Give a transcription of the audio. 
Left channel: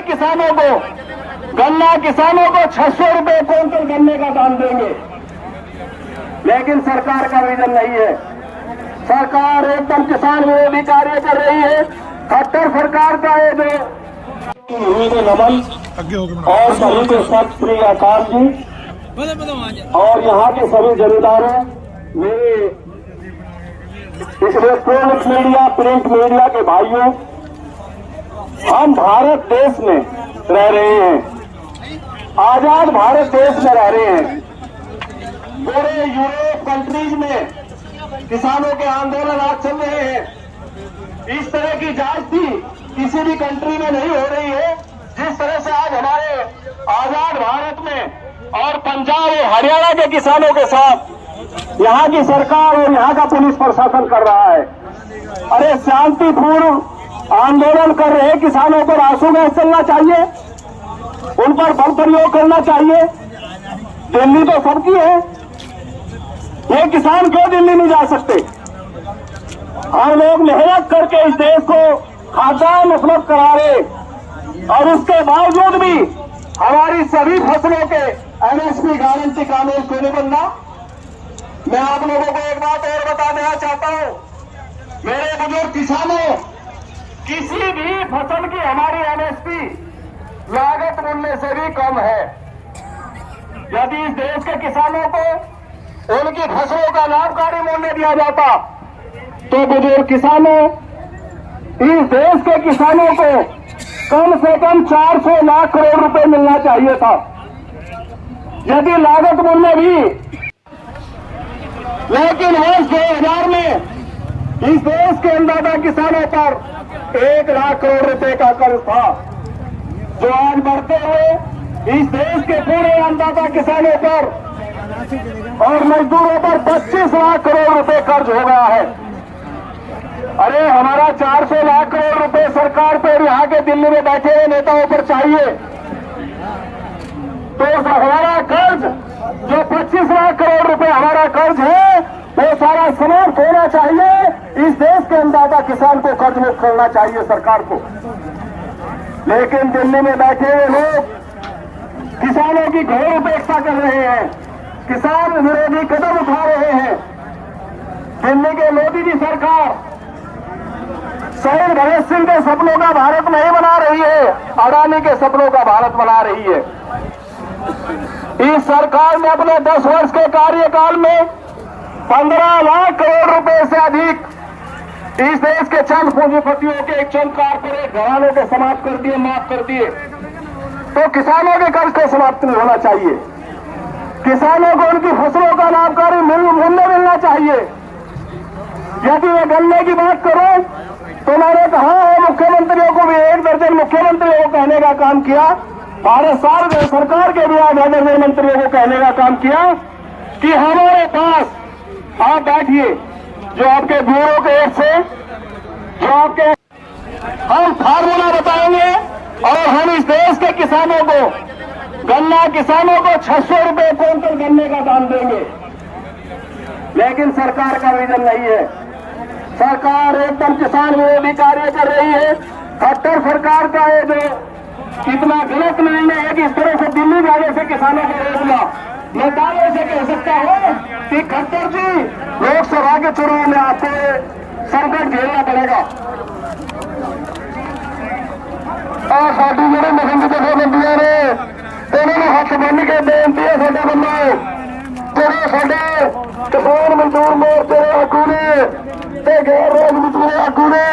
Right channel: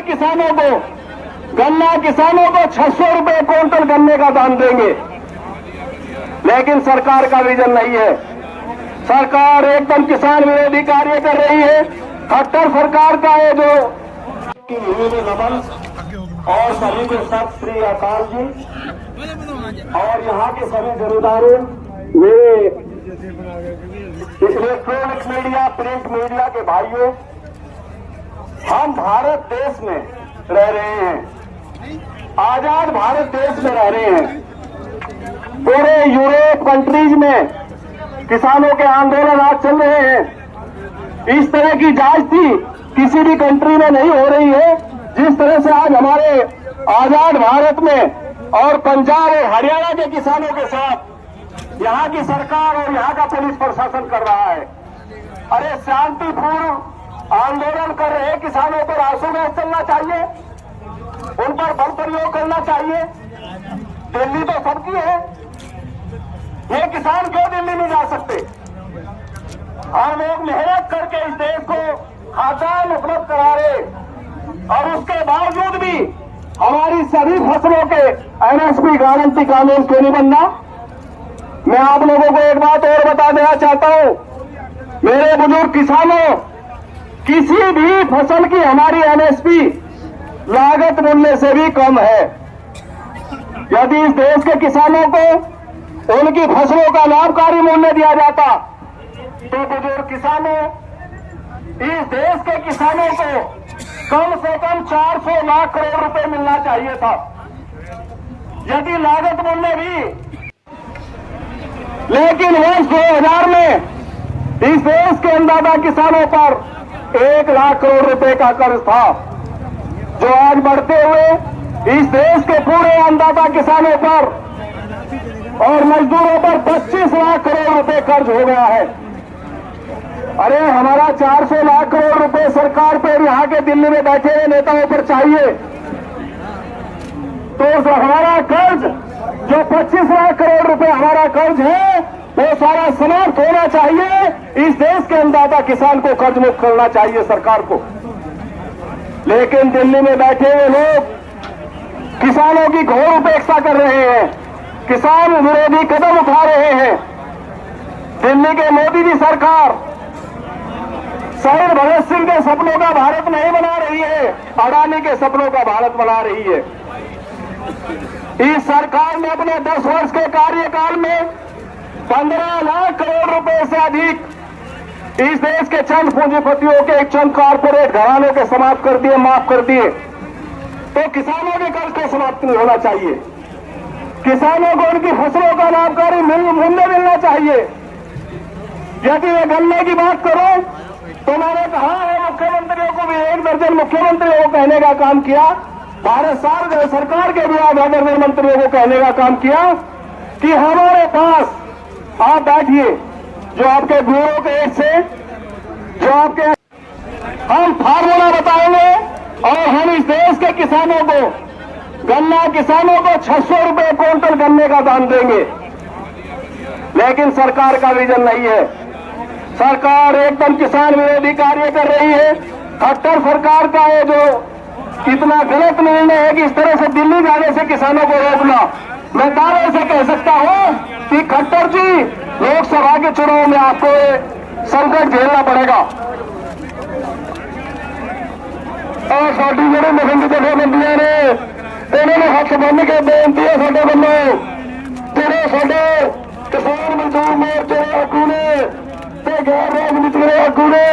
किसानों को, गन्ना किसानों को 600 रुपए क्विंटल गन्ने का दाम देंगे, लेकिन सरकार का विजन नहीं है। सरकार एकदम किसान विरोधी कार्य कर रही है। खट्टर सरकार का है जो नमन और सभी के सत श्री अकाल जी और यहाँ के सभी जमींदारों, मेरे इलेक्ट्रॉनिक मीडिया, प्रिंट मीडिया के भाइयों, हम भारत देश में रह रहे हैं, आजाद भारत देश में रह रहे हैं। पूरे यूरोप कंट्रीज में किसानों के आंदोलन आज चल रहे हैं। इस तरह की जांच थी किसी भी कंट्री में नहीं हो रही है जिस तरह से आज हमारे आजाद भारत में और पंजाब और हरियाणा के किसानों के साथ यहाँ की सरकार और यहाँ का पुलिस प्रशासन कर रहा है। अरे शांतिपूर्ण आंदोलन कर रहे किसानों पर आंसू गैस चलना चाहिए, उन पर बल प्रयोग करना चाहिए। दिल्ली तो सबकी है, ये किसान क्यों दिल्ली नहीं जा सकते? हम लोग मेहनत करके इस देश को खाद्यान्न उपलब्ध करा रहे और उसके बावजूद भी हमारी सभी फसलों के एमएसपी गारंटी कानून क्यों नहीं बनना? मैं आप लोगों को एक बात और बता देना चाहता हूं, मेरे बुजुर्ग किसानों, किसी भी फसल की हमारी एमएसपी लागत मूल्य से भी कम है। यदि इस देश के किसानों को उनकी फसलों का लाभकारी मूल्य दिया जाता तो बुजुर्ग किसानों, इस देश के किसानों को कम से कम 400 लाख करोड़ रुपए मिलना चाहिए था। यदि लागत मूल्य भी, लेकिन वर्ष 2000 में इस देश के अन्नदाता किसानों पर 1 लाख करोड़ रुपए का कर्ज था, जो आज बढ़ते हुए इस देश के पूरे अन्नदाता किसानों पर और मजदूरों पर 25 लाख करोड़ रुपए कर्ज हो गया है। अरे हमारा 400 लाख करोड़ रुपए सरकार पर यहाँ के दिल्ली में बैठे हुए नेताओं पर चाहिए, तो हमारा कर्ज जो 25 लाख करोड़ रुपए हमारा कर्ज है वो सारा समाप्त होना चाहिए। इस देश के अन्नदाता किसान को कर्ज मुक्त करना चाहिए सरकार को। लेकिन दिल्ली में बैठे हुए लोग किसानों की घोर उपेक्षा कर रहे हैं, किसान विरोधी कदम उठा रहे हैं। दिल्ली के मोदी जी सरकार शहीद भगत सिंह के सपनों का भारत नहीं बना रही है, अडानी के सपनों का भारत बना रही है। इस सरकार ने अपने 10 वर्ष के कार्यकाल में 15 लाख करोड़ रुपए से अधिक इस देश के चंद पूंजीपतियों के, चंद कारपोरेट घरानों के समाप्त कर दिए, माफ कर दिए। तो किसानों के कर्ज को समाप्त नहीं होना चाहिए, किसानों को उनकी फसलों का लाभकारी मूल्य मिलना चाहिए। यदि मैं गन्ने की बात करूं तो मैंने कहा है मुख्यमंत्रियों को भी, 1 दर्जन मुख्यमंत्रियों को कहने का काम किया, भारत सरकार के भी 8 दर्जन मंत्रियों को कहने का काम किया कि हमारे पास आप बैठिए, जो आपके ब्यूरो के एक से, जो आपके, हम फार्मूला बताएंगे और हम इस देश के किसानों को, गन्ना किसानों को 600 रुपए क्विंटल गन्ने का दाम देंगे, लेकिन सरकार का विजन नहीं है। सरकार एकदम किसान विरोधी कार्य कर रही है। खट्टर सरकार का है जो इतना गलत निर्णय है कि इस तरह से दिल्ली जाने से किसानों को रोकना। मैं दावे से कह सकता हूं कि खट्टर जी, लोकसभा के चुनाव में आपको संकट झेलना पड़ेगा। और साडी ਜਿਹੜੇ ਮਹਿੰਦ ਜਥੇਬੰਦੀਆਂ ਨੇ ਇਹਨਾਂ ਨੂੰ ਹੱਥ ਬੰਨ੍ਹ ਕੇ ਬੇਨਤੀ ਹੈ ਸਾਡੇ ਵੱਲੋਂ, ਜਿਹੜੇ ਸਾਡੇ ਕਿਸਾਨ ਮਜ਼ਦੂਰ ਮੋਰਚੇ ਦੇ ਆਗੂ ਨੇ ਤੇ ਗੈਰ ਰਾਜਨੀਤਿਕ ਆਗੂ ਨੇ,